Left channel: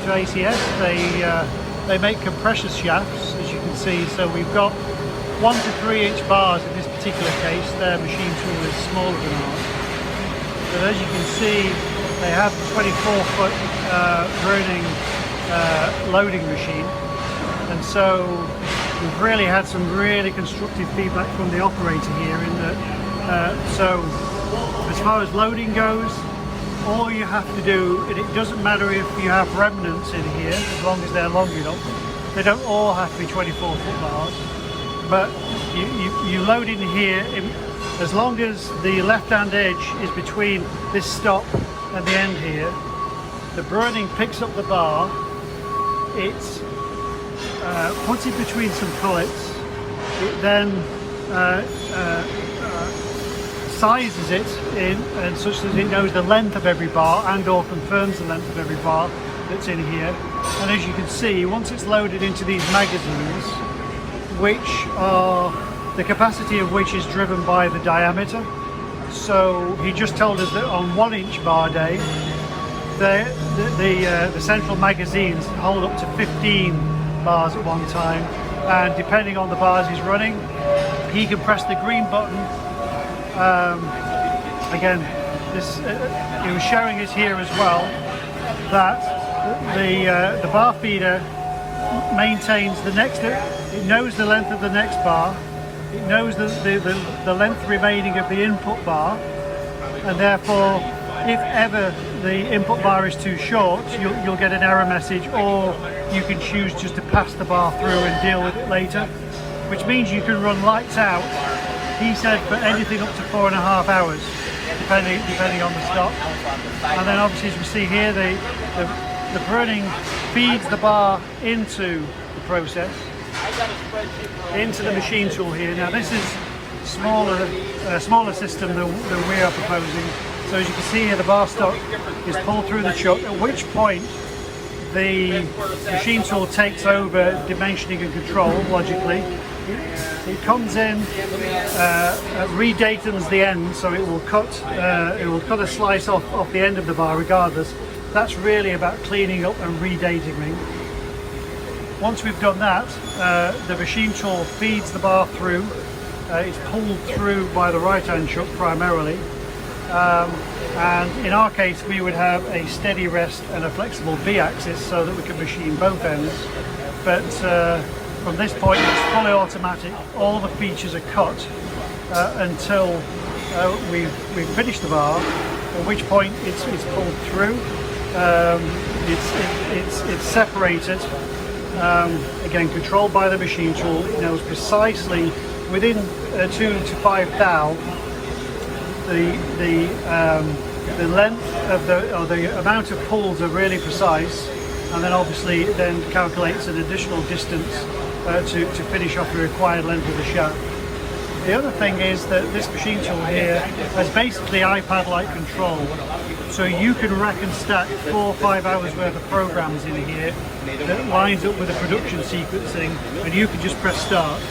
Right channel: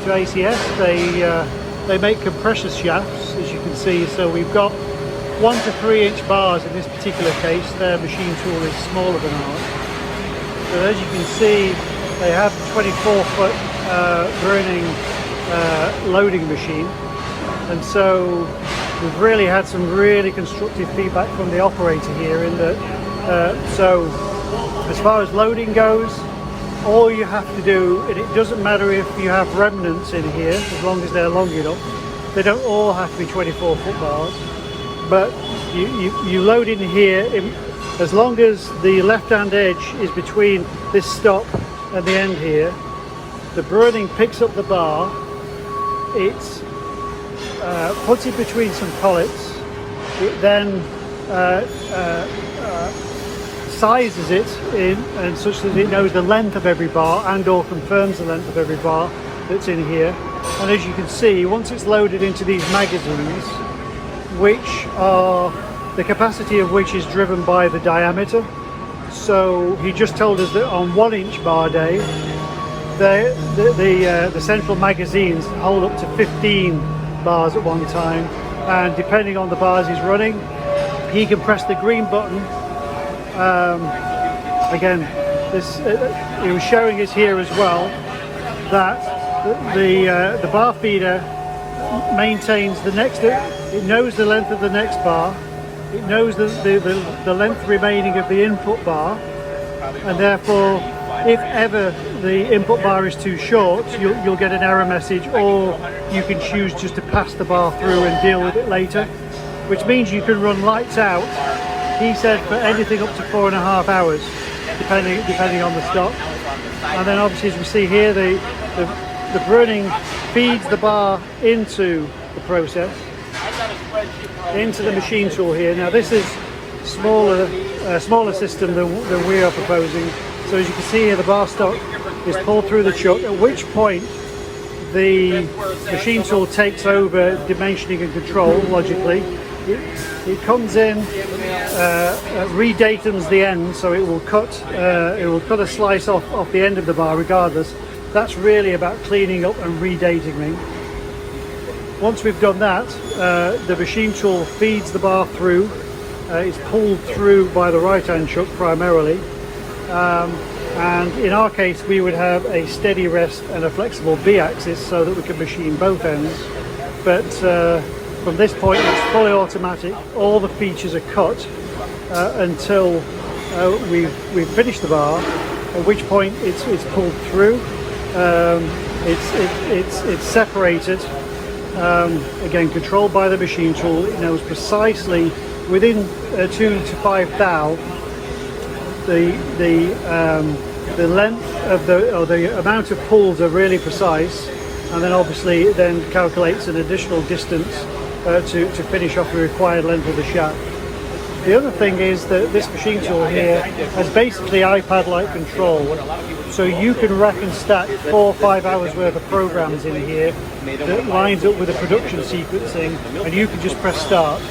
to ACS. They make compressor shafts, as you can see. So we've got 1 to 3 inch bars in this particular case. Their machine tool is smaller than these. But as you can see, they have the 24-foot Browning loading machine, and so we've really had some really constructive feedback from the operator here in that. So as far as loading goes, all you have to do, and it doesn't matter if you have remnants in here, as long as they're long enough. They don't all have to be 24-foot bars, but you load in here, as long as the left-hand edge is between this stop and the end here, the Browning picks up the bar, it puts it between some collets, it then sizes it in and such that it knows the length of every bar and or confirms the length of every bar that's in here. And as you can see, once it's loaded into these magazines, which are the capacity of which is driven by the diameter. So he just told us that on 1 inch bar day, the central magazines hold up to 15 bars at one time, and depending on the bars he's running, he can press the green button. Again, he was showing us here as well that the bar feeder maintains the next. It knows the length of the next bar. It knows the length remaining of the input bar, and therefore, if ever the input bar is too short, you'll get an error message, or you can choose just to pass the bar through and deal with it later, which means you can run lights out. He said for anything up to 4.5 hours, depending on the stop. And then obviously, as we see here, the Browning feeds the bar into the process, into the machine tool here. Now this is smaller system than we are proposing. So as you can see here, the bar stock is pulled through the chuck, at which point the machine tool takes over dimensioning and control logically. It comes in, redatums the end, so it will cut a slice off the end of the bar regardless. That's really about cleaning up and redating. Once we've done that, the machine tool feeds the bar through. It's pulled through by the right-hand chuck primarily, and in our case we would have a steady rest and a flexible V-axis so that we can machine both ends. But from this point it's fully automatic. All the features are cut until we've finished the bar, at which point it's pulled through. It's separated. Again, controlled by the machine tool. It knows precisely within 2 to 5 thou the length of the amount of pulls are really precise, and then obviously it then calculates an additional distance to finish off the required length of the shaft. The other thing is that this machine tool here is basically iPad-like control. So you can rack and stack 4 or 5 hours worth of programs in here that lines up with the production sequencing, and you can just press start.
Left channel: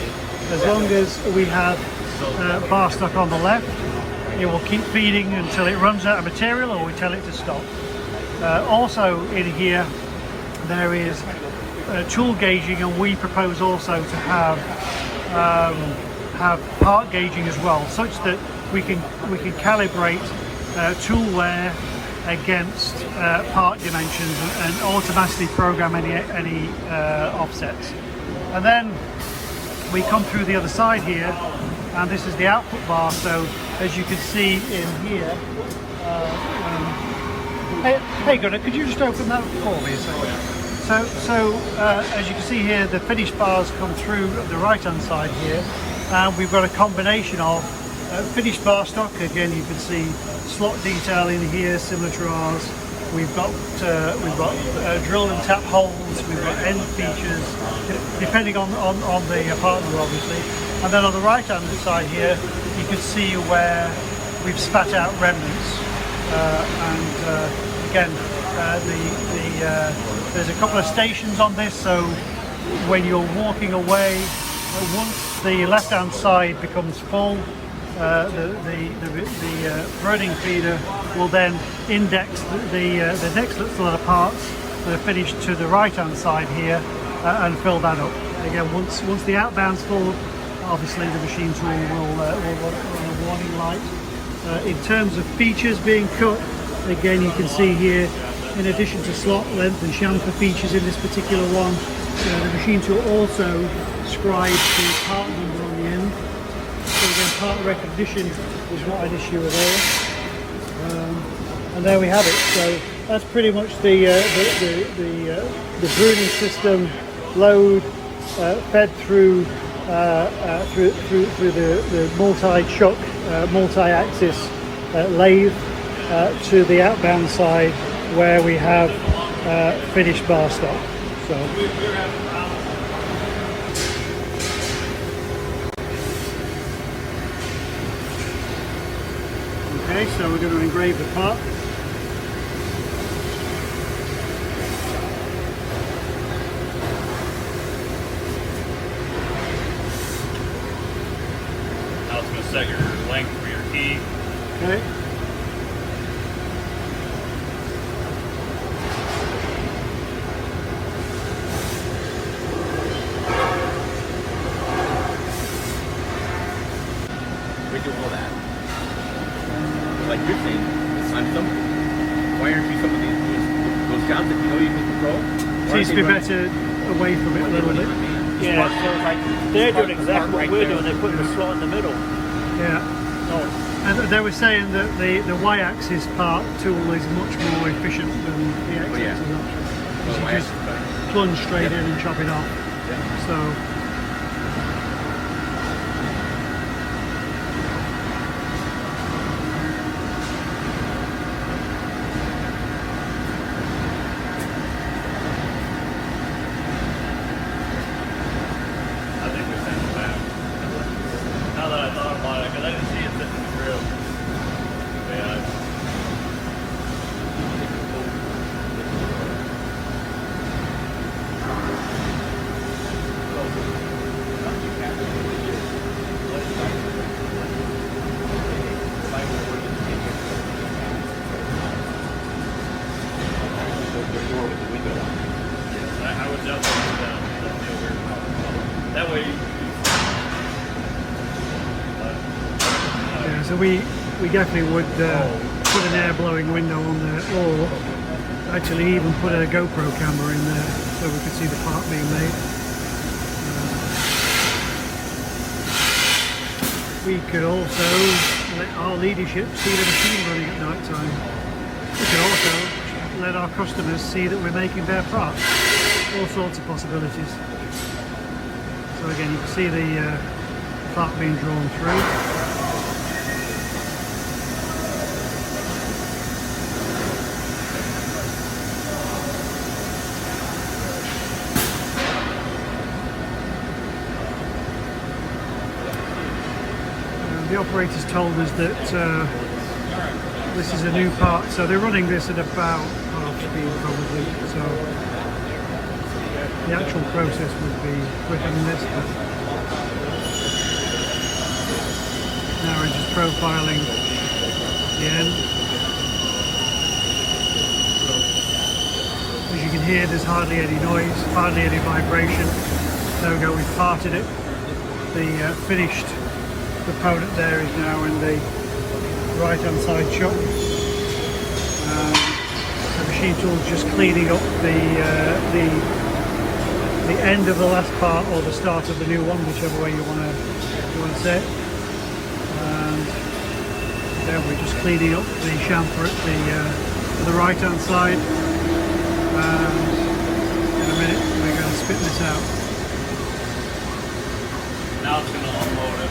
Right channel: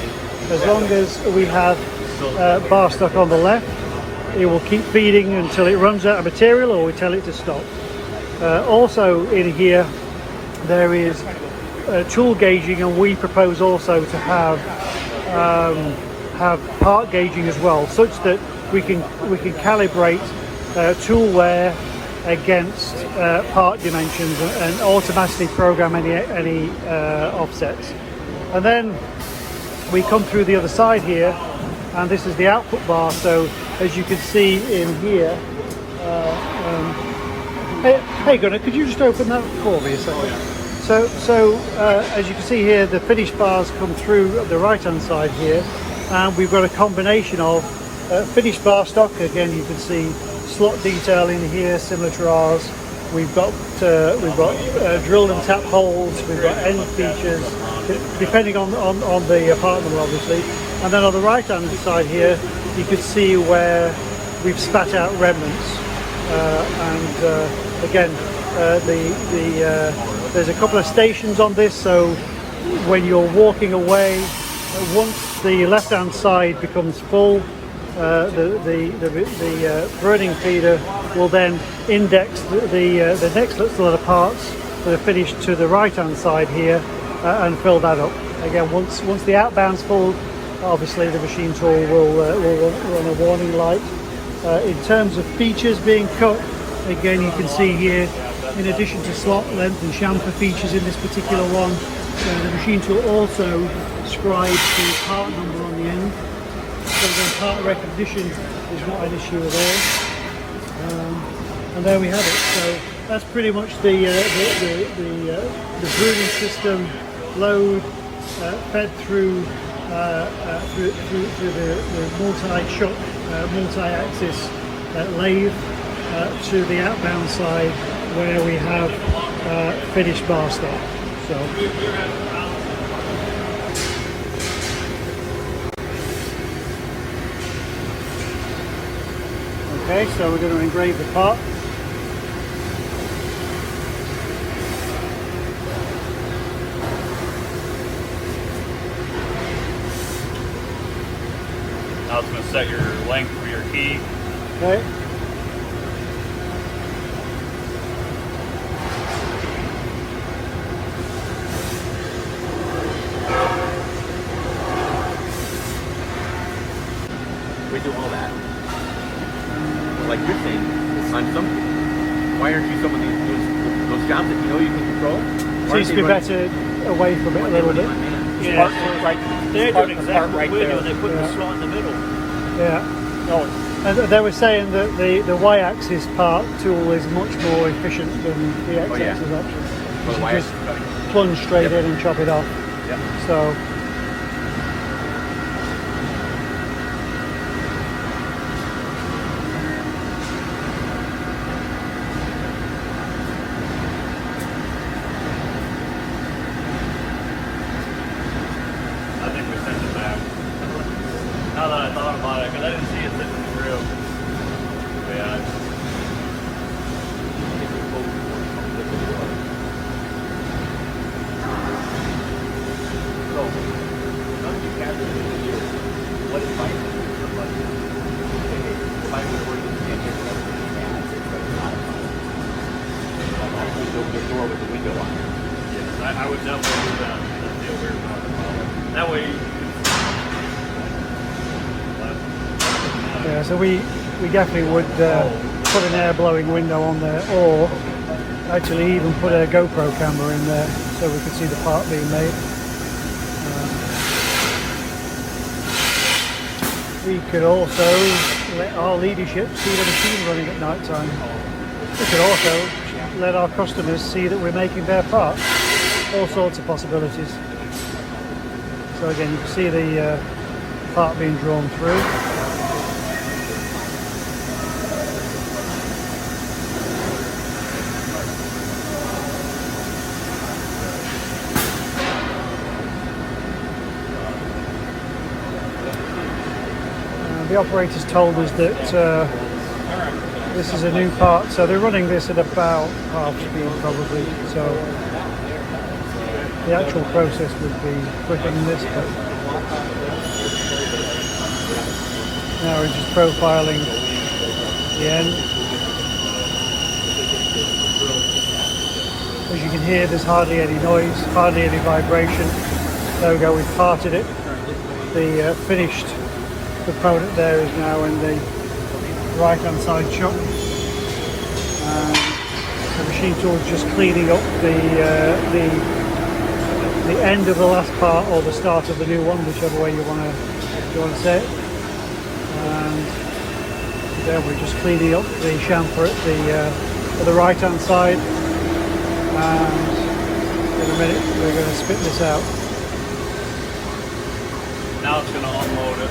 As long as we have bar stock on the left, it will keep feeding until it runs out of material or we tell it to stop. Also in here there is tool gauging, and we propose also to have part gauging as well, such that we can calibrate tool wear against part dimensions and automatically program any offsets. And then we come through the other side here, and this is the output bar. So as you can see in here, hey Gunnar, could you just open that for me a second? So as you can see here, the finished bars come through the right hand side here, and we've got a combination of finished bar stock. Again, you can see slot detail in here similar to ours. We've got drill and tap holes, we've got end features, depending on the partner obviously. And then on the right hand side here, you can see where we've spat out remnants. Again, there's a couple of stations on this, so when you're walking away, once the left hand side becomes full, the Browning feeder will then index the next lot of parts for the finish to the right hand side here and fill that up. Again, once the outbound's full, obviously the machine tool will run a warning light. In terms of features being cut, again you can see here, in addition to slot length and chamfer features in this particular one, the machine tool also scribes the part number on the end. So again, part recognition is not an issue at all. And there we have it. So that's pretty much the pruning system load fed through the multi-chuck, multi-axis lathe to the outbound side where we have finished bar stock. So. Okay, so we're going to engrave the part. Now it's going to set your length for your key. Okay. We do all that. Like you're saying, assign some. Why aren't you some of those jobs that you know you can control? Seems to be better away from it a little bit. They're going to start right there. Put the slot in the middle. Yeah. And they were saying that the Y-axis part tool is much more efficient than the X-axis option. Oh, You just plunge straight in and chop it off. Yeah. So. Yeah, so we definitely would put an air blowing window on there, or actually even put a GoPro camera in there so we could see the part being made. We could also let our leadership see the machine running at night time. We could also let our customers see that we're making their part. All sorts of possibilities. So again, you can see the part being drawn through. The operators told us that this is a new part, so they're running this at about half speed probably, so the actual process would be quicker than this, but now we're just profiling the end. As you can hear, there's hardly any noise, hardly any vibration. There we go, we've parted it. The finished component there is now in the right hand side shop. The machine tool is just cleaning up the end of the last part or the start of the new one, whichever way you want to say it. And there we're just cleaning up the chamfer at the right hand side, and in a minute we're going to spit this out. Now it's going to unload it.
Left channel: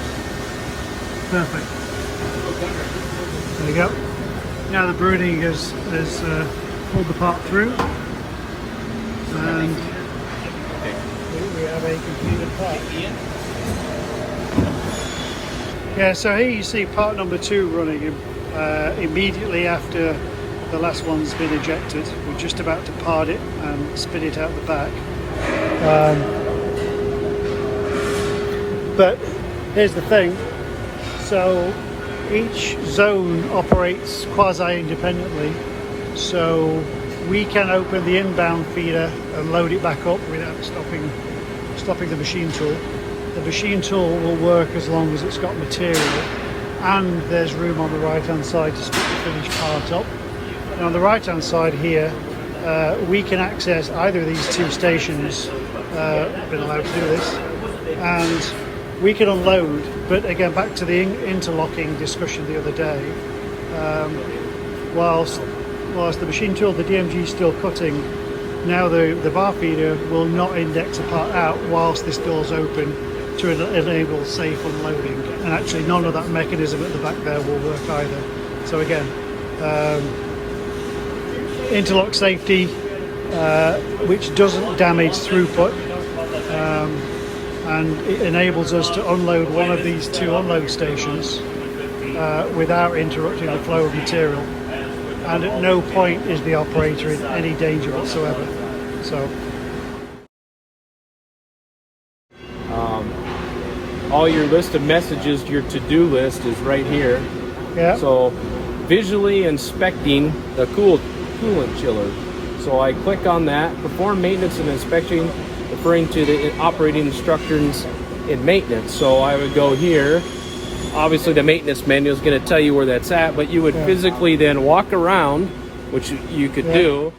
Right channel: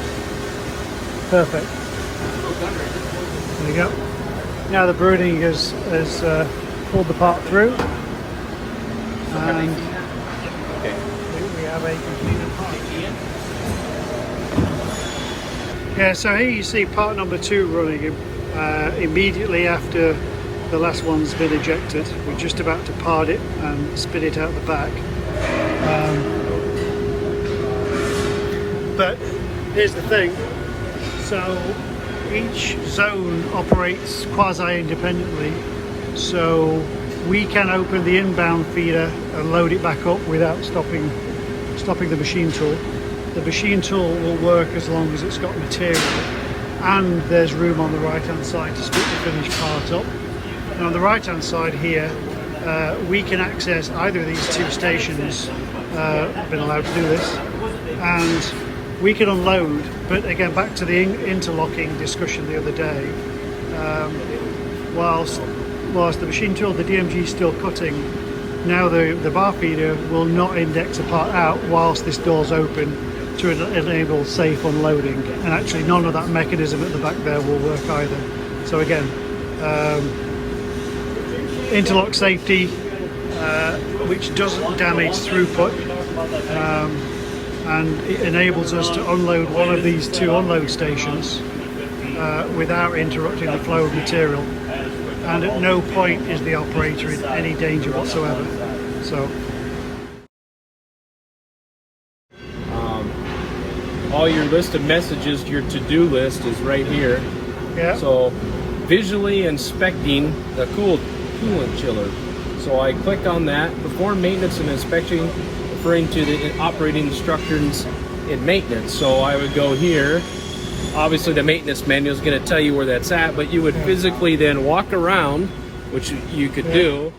Perfect. There we go. Now the brooding has pulled the part through, and we have a completed part. Yeah, so here you see part number 2 running immediately after the last one's been ejected. We're just about to part it and spit it out the back. But here's the thing. So each zone operates quasi-independently, so we can open the inbound feeder and load it back up without stopping the machine tool. The machine tool will work as long as it's got material and there's room on the right hand side to stick the finished part up. And on the right hand side here, we can access either of these two stations. I've been allowed to do this, and we can unload. But again, back to the interlocking discussion the other day, whilst the machine tool, the DMG is still cutting, now the bar feeder will not index a part out whilst this door's open to enable safe unloading, and actually none of that mechanism at the back there will work either. So again, interlock safety, which doesn't damage throughput, and it enables us to unload one of these two unload stations without interrupting the flow of material, and at no point is the operator in any danger whatsoever. So all your list of messages, your to-do list is right here. yeah, So visually inspecting the coolant chiller. So I click on that, perform maintenance and inspection, referring to the operating instructions in maintenance. So I would go here. Obviously the maintenance manual is going to tell you where that's at, but you would physically then walk around, which you could do.